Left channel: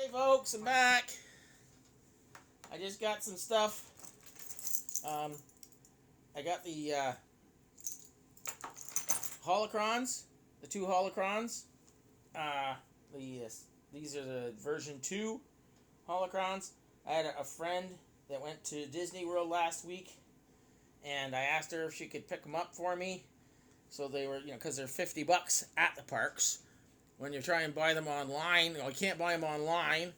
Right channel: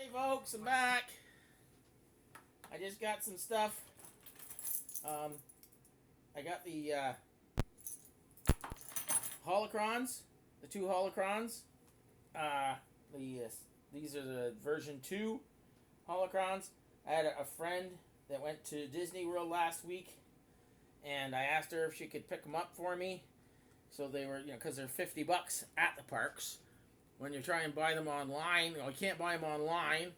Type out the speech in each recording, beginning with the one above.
Hey folks, I'm back. I just got some stuff. I got the Holocrons, the two Holocrons. These are the version 2 Holocrons. I had a friend that went to Disney World last week, and I asked her if she could pick them up for me. So they were, because they're $50 at the parks. When you try and buy them online, you can't buy them online.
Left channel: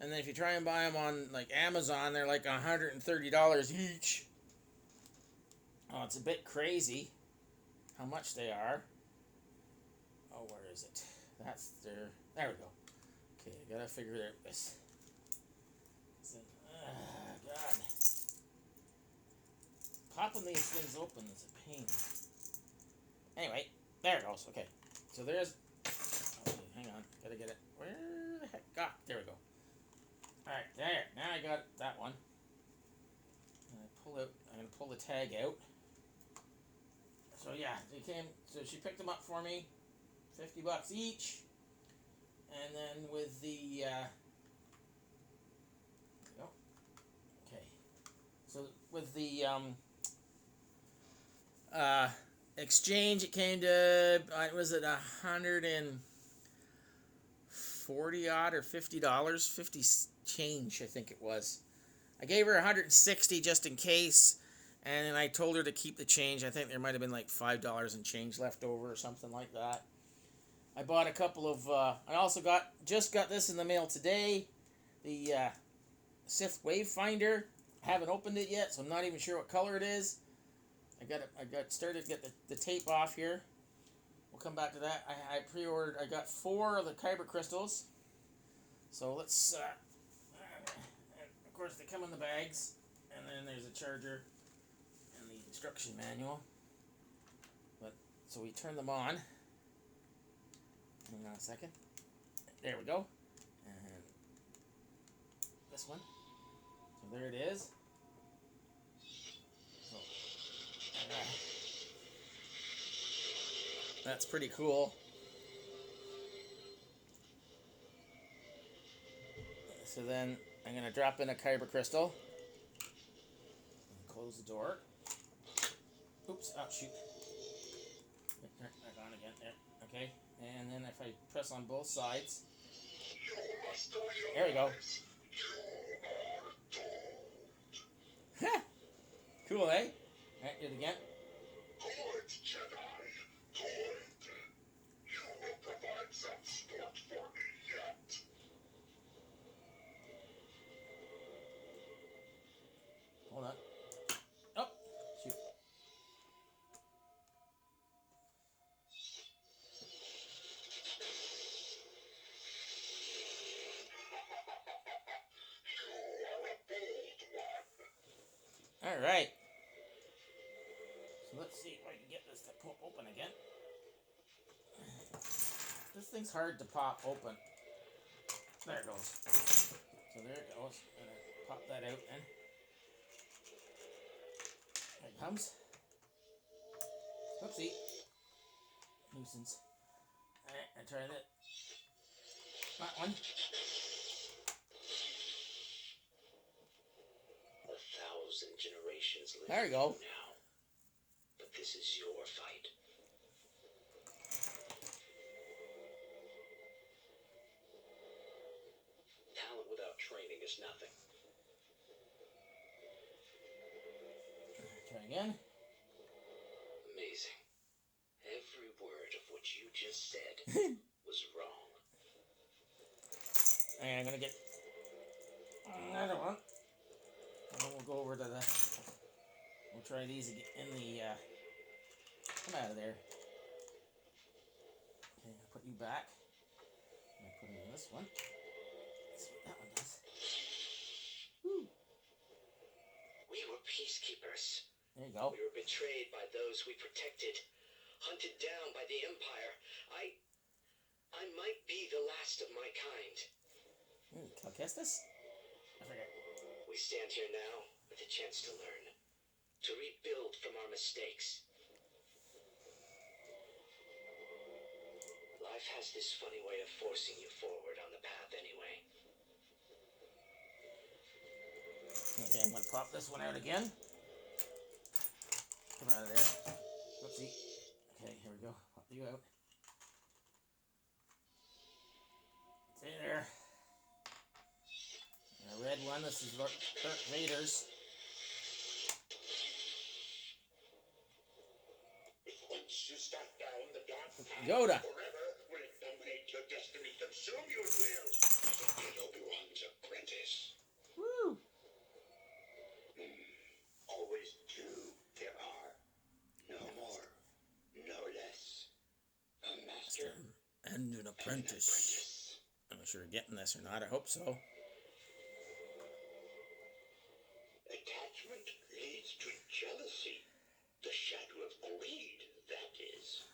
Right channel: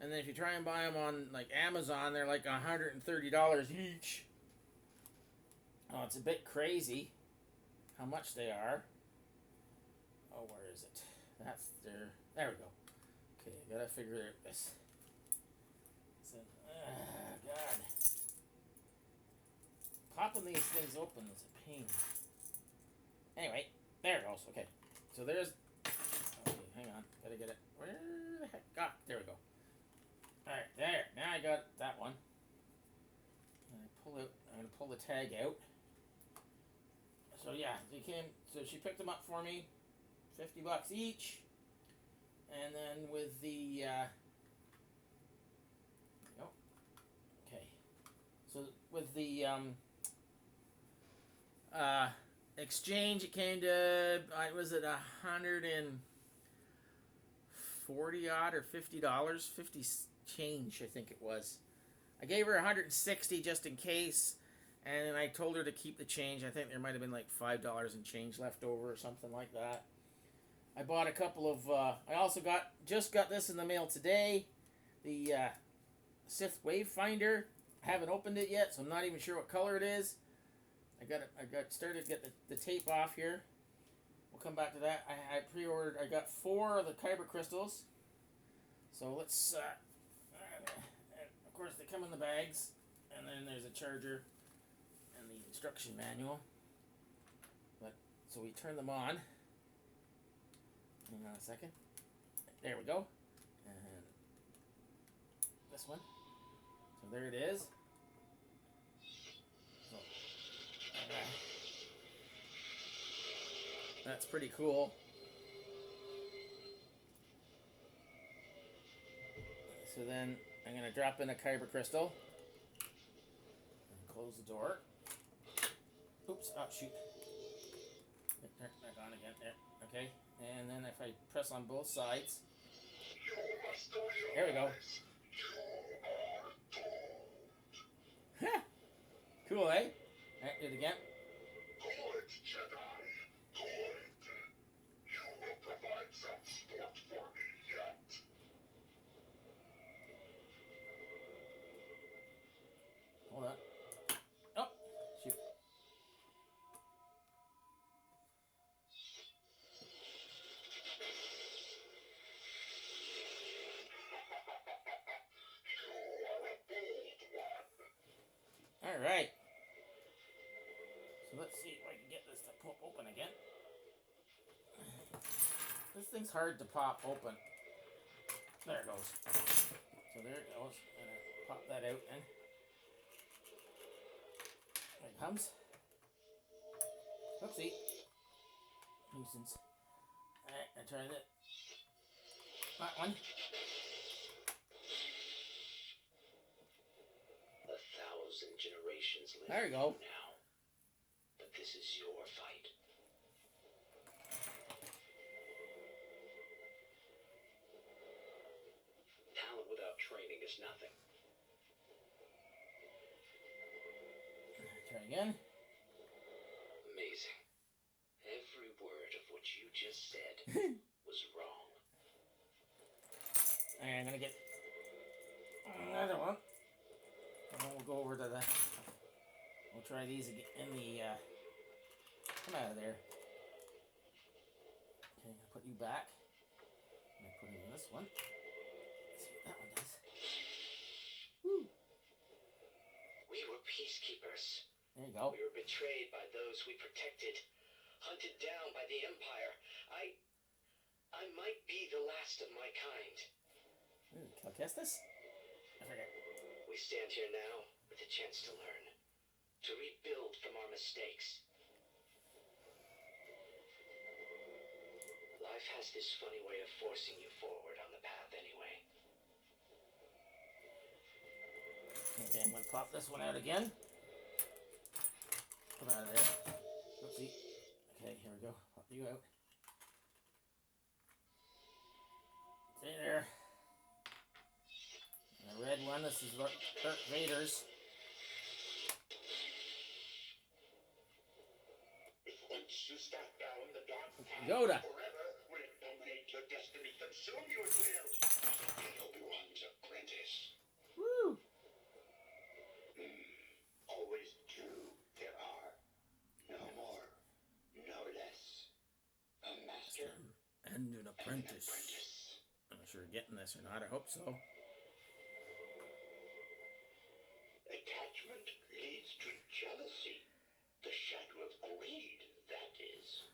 And then if you try and buy them on like Amazon, they're like $130 each. Oh, it's a bit crazy how much they are. Oh, where is it? That's there. There we go. Okay, gotta figure out this. God. Popping these things open is a pain. Anyway, there it goes. Okay, so there's. Okay, hang on. Gotta get it. Where the heck? Ah, there we go. Alright, there. Now I got that one. And I'm gonna pull the tag out. So yeah, so she picked them up for me. $50 each. And then with the okay. So with the exchange, it came to was it $140 odd or $50? 50 change, I think it was. I gave her $160 just in case, and then I told her to keep the change. I think there might have been like $5 in change left over or something like that. I bought a couple of. I also just got this in the mail today. The Sith Wayfinder. I haven't opened it yet, so I'm not even sure what color it is. I got started to get the tape off here. We'll come back to that. I pre-ordered. I got 4 of the kyber crystals. So let's. Of course, they come in the bags, and then there's a charger and the instruction manual. So we turn them on. Hang on a second. There we go. And this one. So there it is. So, that's pretty cool. So then I'm going to drop in a kyber crystal. And close the door. Oops. Oh, shoot. Back on again. There. Okay. And then if I press on both sides. There we go. Cool, eh? Alright, do it again. Good, Jedi. Good. You will provide some sport for me yet. Hold on. Oh, shoot. Alright. So let's see if I can get this to pop open again. This thing's hard to pop open. There it goes. So there it goes. I'm going to pop that out then. There it comes. Oopsie. Nuisance. Alright, I try that. That one. 1,000 generations live there you go. now. But this is your fight. Talent without training is nothing. Try again. Amazing. Every word of what you just said was wrong. And I'm going to get another one. And then we'll go over to we'll try these again in the, come out of there. Okay, I'm going to put you back. I'm going to put it in this one. Let's see what that one does. Woo. We were peacekeepers. There you go. We were betrayed by those we protected, hunted down by the Empire. I might be the last of my kind. Can I kiss this? I forget. We stand here now with a chance to learn, to rebuild from our mistakes. Life has this funny way of forcing you forward on the path anyway. Okay, I'm gonna pop this one out again. Come out of there. Whoopsie. Okay, here we go. Pop you out. Stay there. And a red one. This is Darth Vader's. Once you start down the dark path Yoda. forever, will it dominate your destiny, consume you at will? Be Obi-Wan's apprentice. Woo! Always two there are. No more, no less. A master And an apprentice. I'm not sure you're getting this or not. I hope so. Attachment leads to jealousy. The shadow of greed, that is.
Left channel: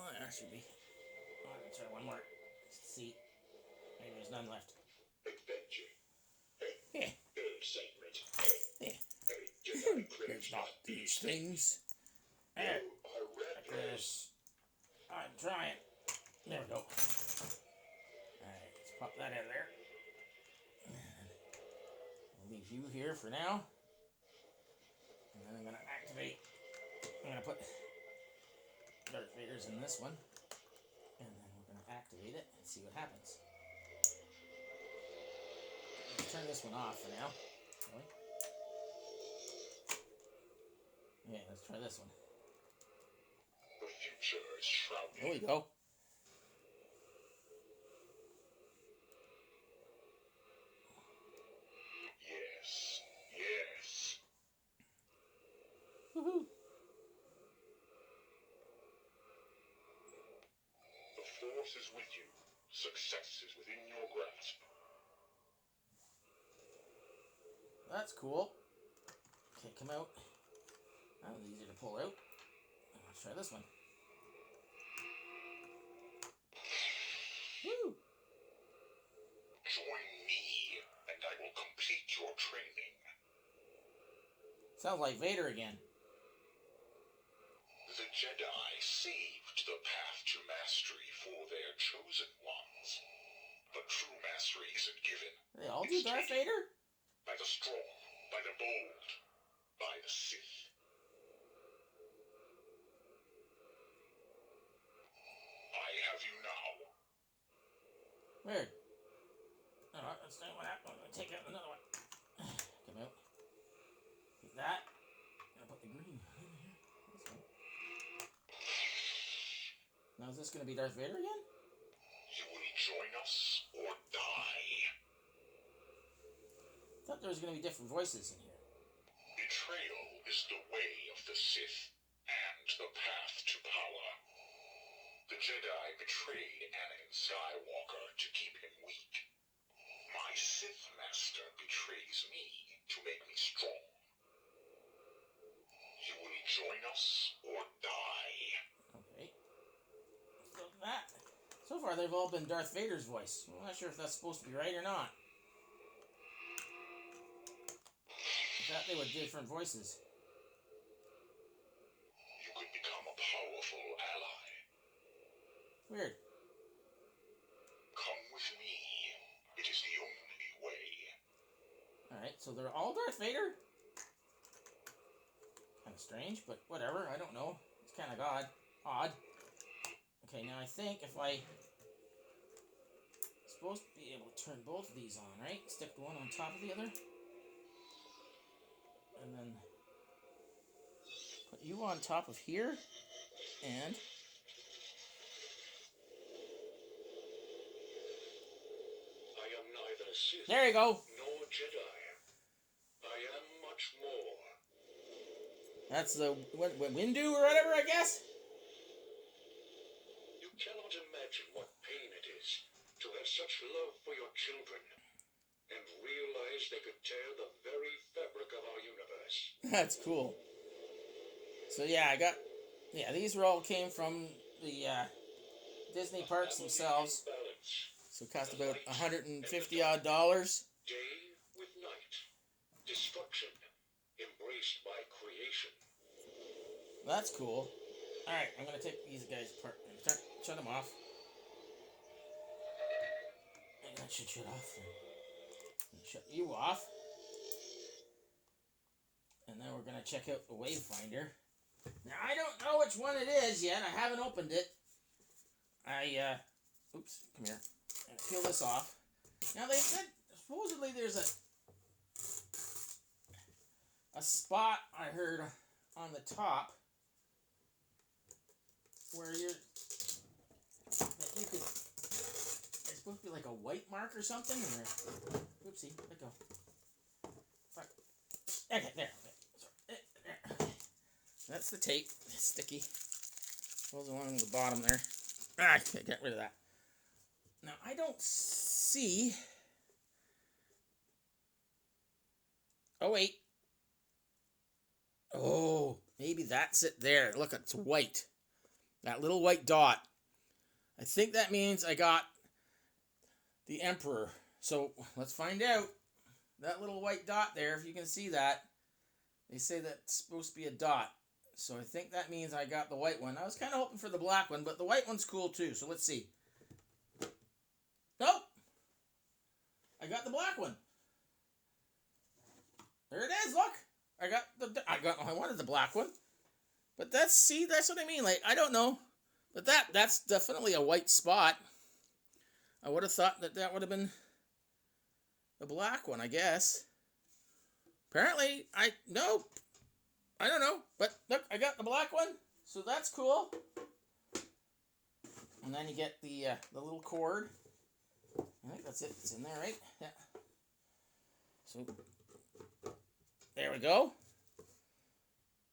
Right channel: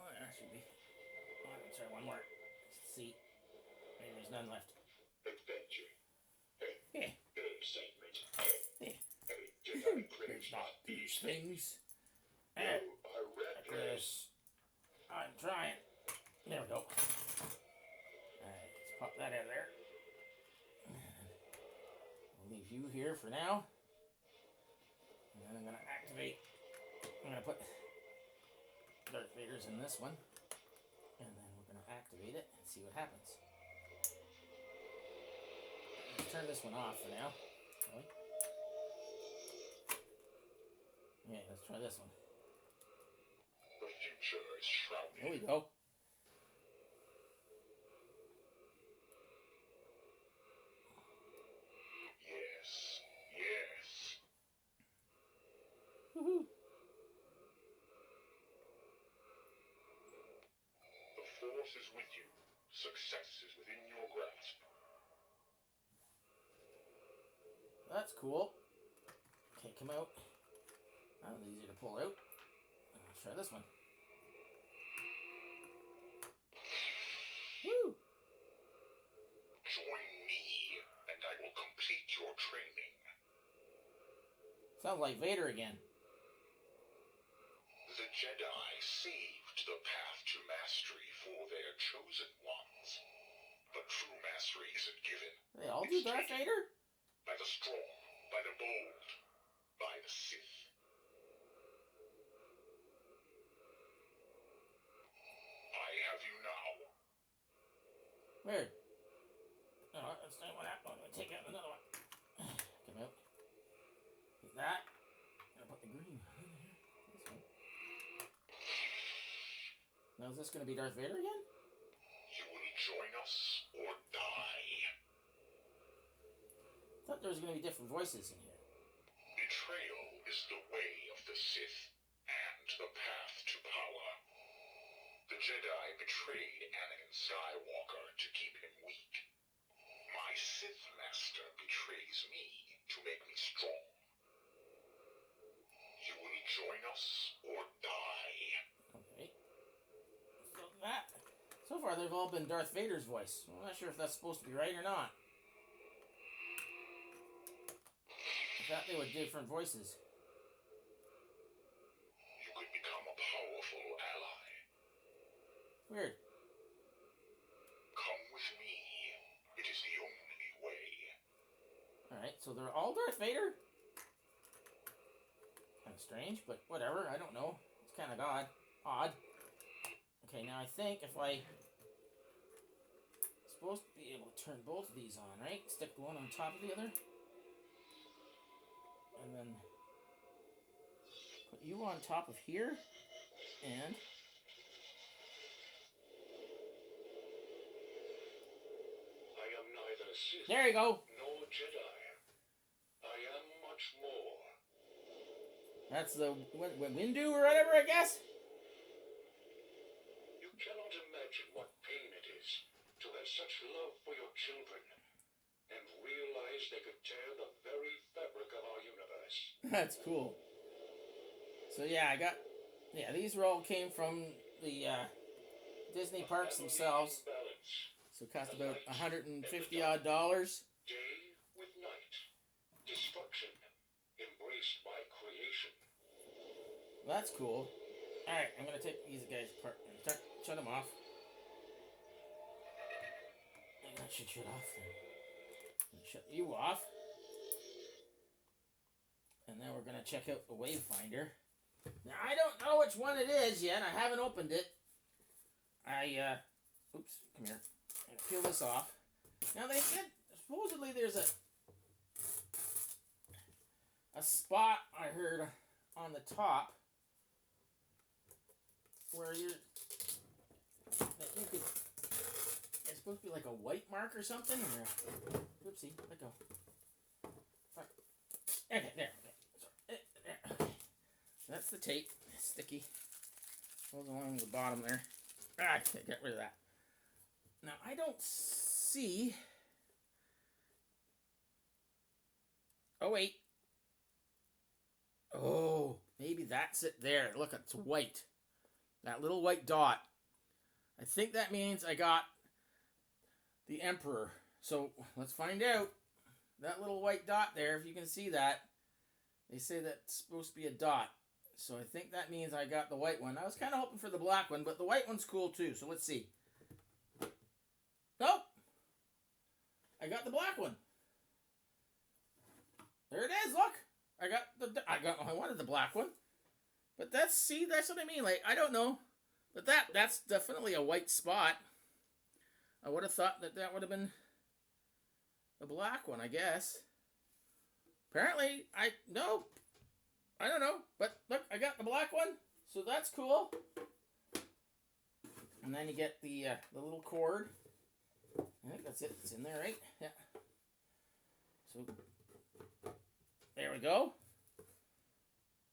Oh, there should be. Oh, let's try one more. Let's see. Maybe there's none left. Adventure. Yeah. Excitement. Yeah. Jedi craves There's not not these things. You There. are reckless. I'm trying. There we go. Alright, let's pop that out of there. I'll leave you here for now. And then I'm going to activate. I'm going to put Darth Vader's in this one. And then we're going to activate it and see what happens. Let's turn this one off for now. Okay. Yeah, let's try this one. The future is shrouded. There we go. Yes, yes. Woohoo! The Force is with you. Success is within your grasp. That's cool. Okay, come out. That was easier to pull out. Let's try this one. Woo! Join me, and I will complete your training. Sounds like Vader again. The Jedi saved the path to mastery for their chosen ones. But true mastery isn't given. They all do Darth Vader? By the strong, by the bold, by the Sith. I have you now. Weird. Alright, let's try what happened. I'm going to take out another one. Come out. Get that. I'm going to put the green in here. This one. Now is this going to be Darth Vader again? You will join us or die. I thought there was going to be different voices in here. Betrayal is the way of the Sith and the path to power. The Jedi betrayed Anakin Skywalker to keep him weak. My Sith Master betrays me to make me strong. You will join us or die. Okay. So that. So far, they've all been Darth Vader's voice. I'm not sure if that's supposed to be right or not. I thought they were different voices. You could become a powerful ally. Weird. Come with me. It is the only way. Alright, so they're all Darth Vader? Kind of strange, but whatever. I don't know. It's kind of odd. Okay, now I think if I... supposed to be able to turn both of these on, right? Stick one on top of the other. And then put you on top of here. And... I am neither Sith there you go. nor Jedi. I am much more. That's the Windu or whatever, I guess. You cannot imagine what pain it is to have such love for your children and realize they could tear the very fabric of our universe. That's cool. So yeah, these all came from the Disney parks themselves. So it cost about $150 odd. Day with night. Destruction embraced by creation. That's cool. Alright, I'm going to take these guys apart. Shut them off. And that should shut off then. Shut you off. we're going to check out the Wayfinder. Now, I don't know which one it is yet. I haven't opened it. Oops, come here. I'm going to peel this off. Now, they said, supposedly there's a spot I heard on the top where that you could, it's supposed to be like a white mark or something. Or, oopsie, let go. Okay, there. So, that's the tape. It's sticky. Goes along the bottom there. Ah, get rid of that. Now, I don't see... Oh, wait. Oh, maybe that's it there. Look, it's white. That little white dot. I think that means I got the Emperor. So, let's find out. That little white dot there, if you can see that, they say that's supposed to be a dot. So I think that means I got the white one. I was kind of hoping for the black one, but the white one's cool too. So let's see. Nope. I got the black one. There it is. Look. I wanted the black one. But that's what I mean. Like, I don't know. But that's definitely a white spot. I would have thought that would have been the black one, I guess. Apparently, nope. I don't know. But look, I got the black one. So that's cool. And then you get the little cord. I think that's it. It's in there, right? Yeah. So, there we go.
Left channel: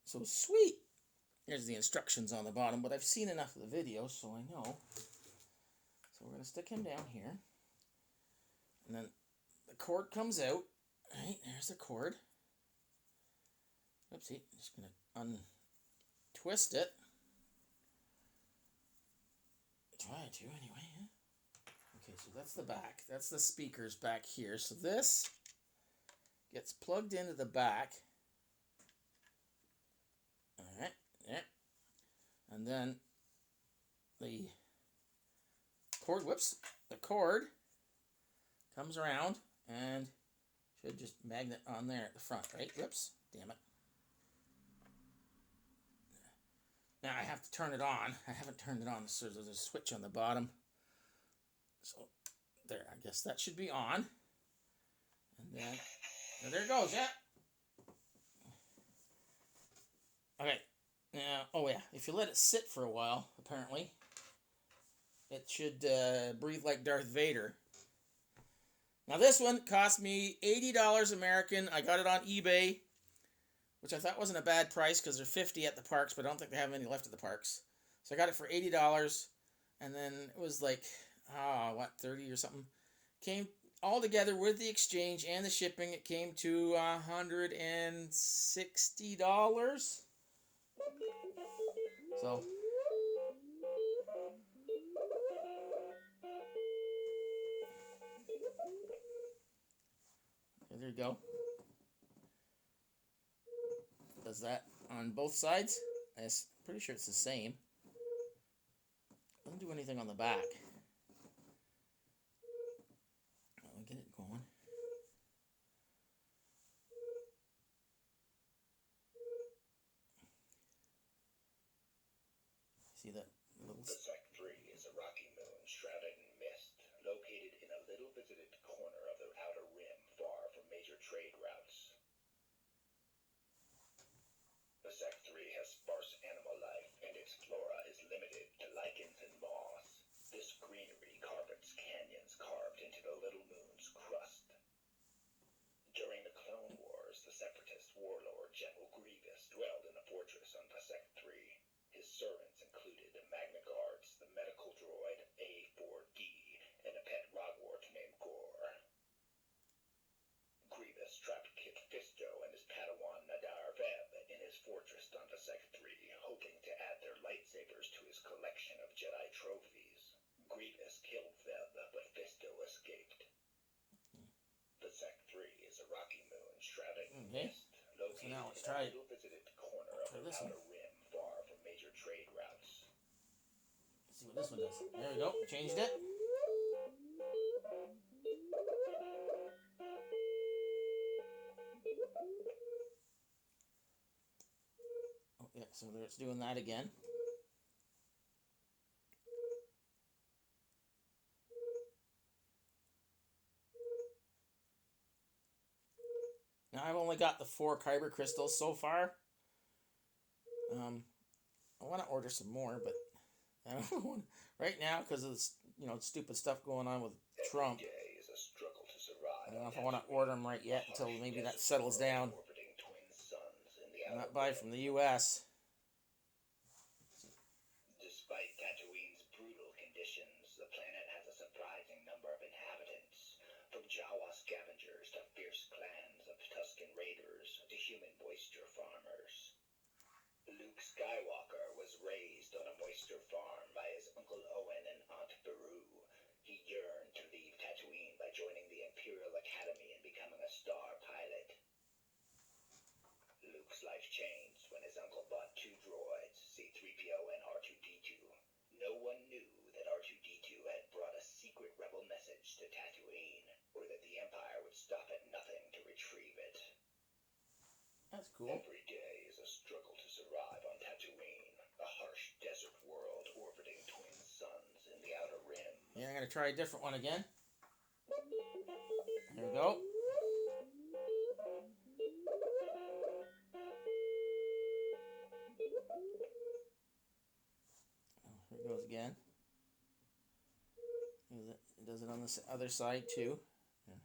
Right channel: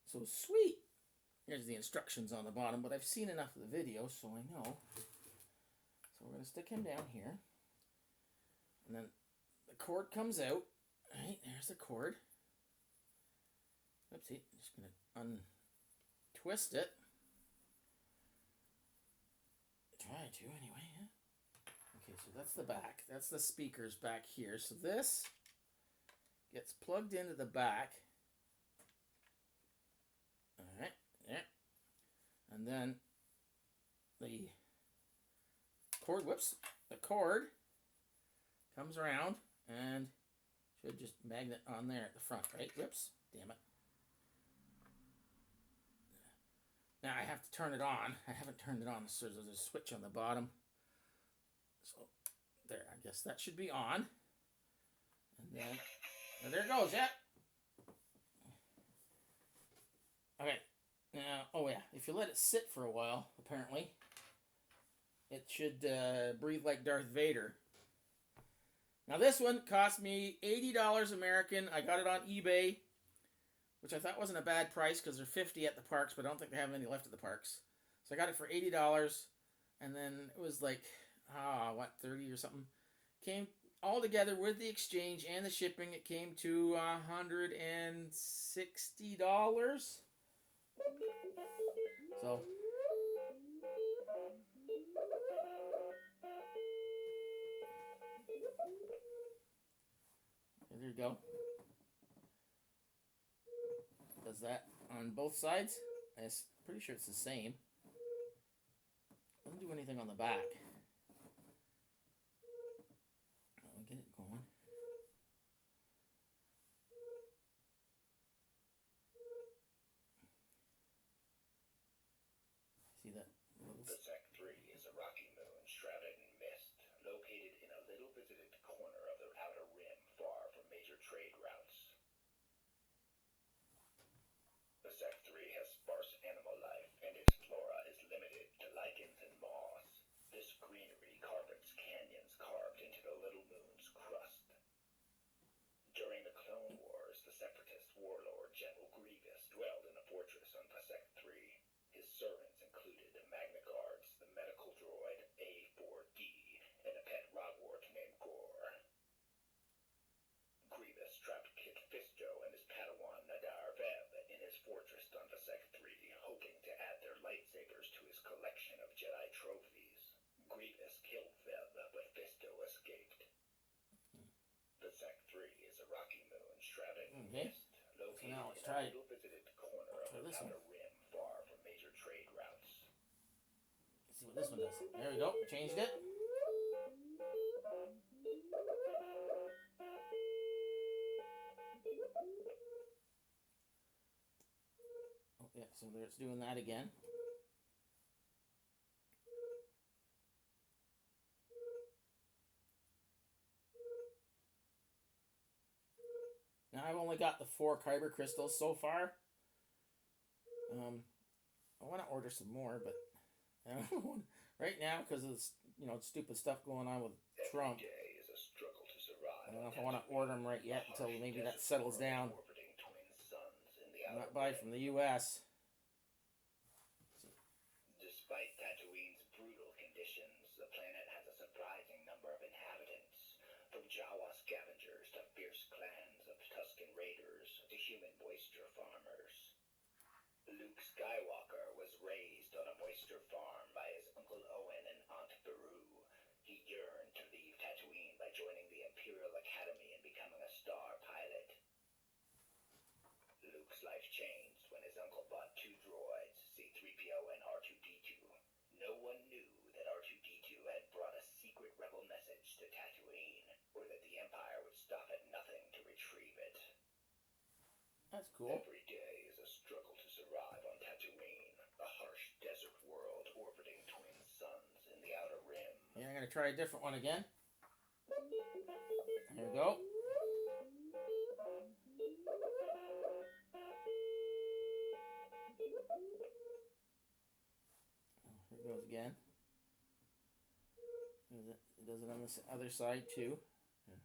So sweet. Here's the instructions on the bottom, but I've seen enough of the video, so I know. So we're going to stick him down here. And then the cord comes out. Right, there's the cord. Oopsie, I'm just going to untwist it. Try to, anyway, yeah. Okay, so that's the back. That's the speakers back here. So this gets plugged into the back. Alright, yeah. And then the cord comes around and should just magnet on there at the front, right? Whoops, damn it. Now I have to turn it on. I haven't turned it on, so there's a switch on the bottom. So there, I guess that should be on. And then, there it goes, yeah. Okay, now, oh yeah, if you let it sit for a while, apparently, it should breathe like Darth Vader. Now this one cost me $80 American. I got it on eBay, which I thought wasn't a bad price because they're $50 at the parks, but I don't think they have any left at the parks. So I got it for $80, and then it was like, $30 or something. Came all together with the exchange and the shipping, it came to $160. So there you go. Does that on both sides? I'm pretty sure it's the same. Doesn't do anything on the back. I'll get it going. See that? The Sec 3 is a rocky moon shrouded in mist, located in a little visited corner of the outer rim far from major trade routes. The Sec 3 has sparse animal life, and its flora is limited to lichens and moss. This greenery carpets canyons carved into the little moon's crust. During the Clone Wars, the Separatist warlord General Grievous dwelled in a fortress on the Sec 3. His servants included the Magna Guards, the medical droid A4D, and a pet rogwart named Gore. Grievous trapped Kit Fisto and his Padawan Nadar Veb in his fortress on the Sec 3, hoping to add their lightsabers to his collection of Jedi trophies. Grievous killed Veb, but Fisto escaped. The Sec 3 is a rocky moon shrouded in mist, located in a little visited corner of the outer rim far from major trade routes. Let's see what this one does. There we go. Changed it. so it's doing that again. Now I've only got the 4 kyber crystals so far. I want to order some more, but I don't want right now because of this, stupid stuff going on with Trump. Every day is a struggle to survive. I don't know if I want to order them right yet until maybe that settles down. I might buy from the U.S. Despite Tatooine's brutal conditions, the planet has a surprising number of inhabitants, from Jawa scavengers to fierce clans of Tusken raiders to human moisture farmers. Luke Skywalker was raised on a moisture farm by his Uncle Owen and Aunt Beru. He yearned to leave Tatooine by joining the Imperial Academy and becoming a star pilot. Luke's life changed when his uncle bought 2 droids, C-3PO and R2-D2. No one knew that R2-D2 had brought a secret rebel message to Tatooine, or that the Empire would stop at nothing to retrieve it. That's cool. Every day is a struggle to survive on Tatooine, a harsh desert world orbiting twin suns in the Outer Rim. Yeah, I'm going to try a different one again. There we go. Here it goes again. It does it on the other side too. Yeah.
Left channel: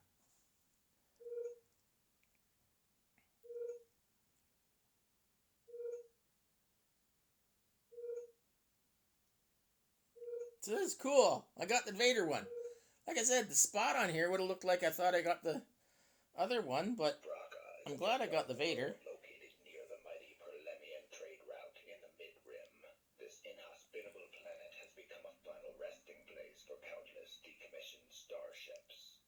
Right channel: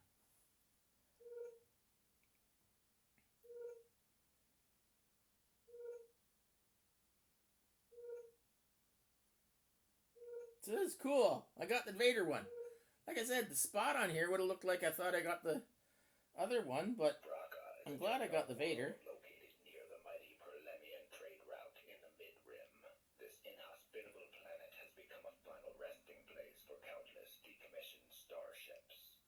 So this is cool. I got the Vader one. Like I said, the spot on here would have looked like I thought I got the other one, but I'm glad I got the Vader. Located near the mighty Perlemian trade route in the Mid-Rim, this inhospitable planet has become a final resting place for countless decommissioned starships.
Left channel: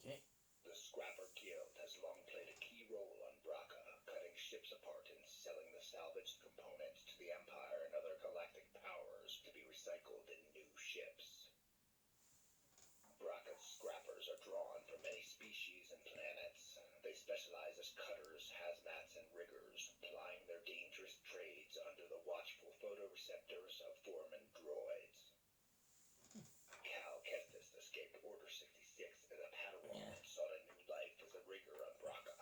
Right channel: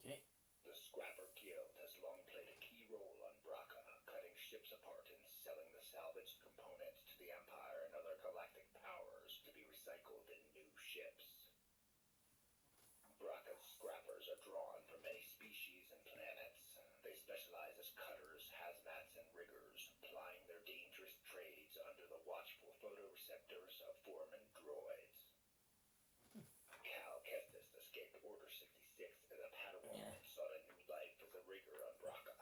Okay. The Scrapper Guild has long played a key role on Bracca, cutting ships apart and selling the salvaged components to the Empire and other galactic powers to be recycled in new ships. Bracca's scrappers are drawn from many species and planets. They specialize as cutters, hazmats, and riggers, plying their dangerous trades under the watchful photoreceptors of foreman droids. Cal Kestis escaped Order 66 as a Padawan and sought a new life as a rigger on Bracca.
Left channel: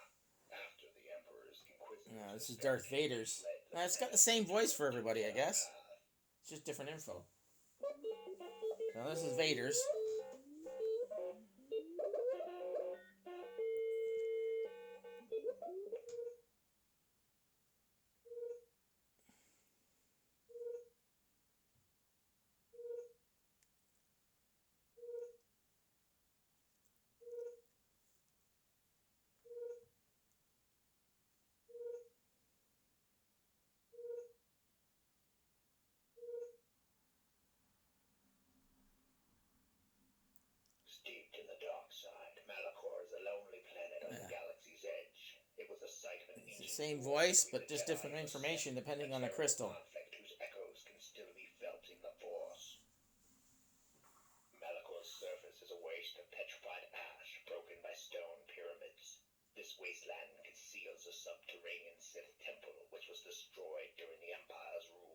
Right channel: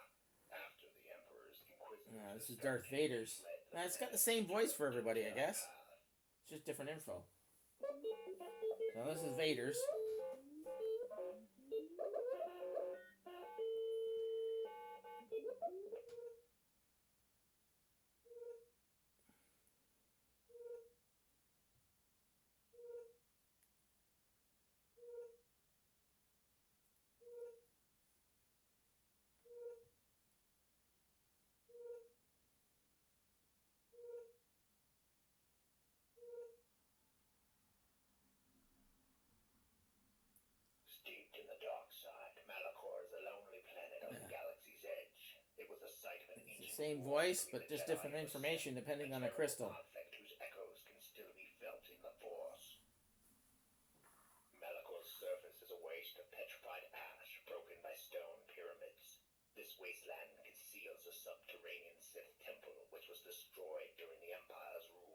After the Emperor's Inquisitors... Yeah, this is Darth Vader's. Now, it's got the same voice for everybody, I guess. It's just different info. Now, this is Vader's. Steeped in the dark side, Malachor is a lonely planet on the galaxy's edge. It was a site of an It's the ancient same war voice, between but the just Jedi different and the information Sith, depending a on the terrible crystal. conflict whose echoes can still be felt in the Force. Malachor's surface is a waste of petrified ash broken by stone pyramids. This wasteland conceals a subterranean Sith temple which was destroyed during the Empire's rule.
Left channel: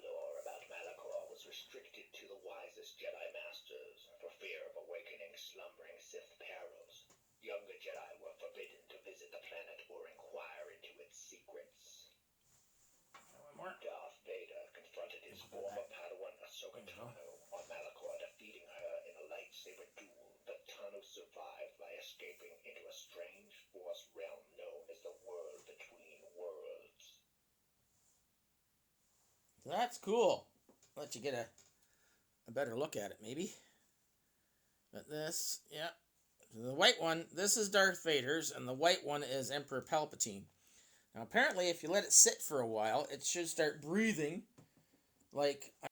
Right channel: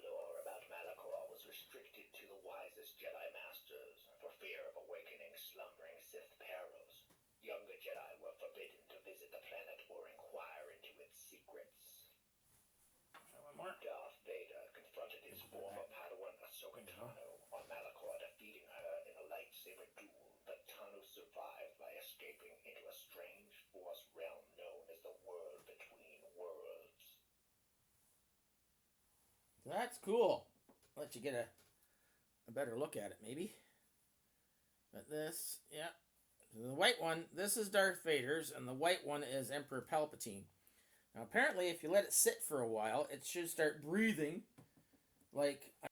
Lore about Malachor was restricted to the wisest Jedi Masters for fear of awakening slumbering Sith perils. Younger Jedi were forbidden to visit the planet or inquire into its secrets. One more. Darth Vader confronted his former Padawan Ahsoka Tano on Malachor, defeating her in a lightsaber duel, but Tano survived by escaping into a strange Force realm known as the World Between Worlds. That's cool. I'll let you get a better look at it, maybe. But this, yeah. The white one, this is Darth Vader's, and the white one is Emperor Palpatine. Now, apparently, if you let it sit for a while, it should start breathing like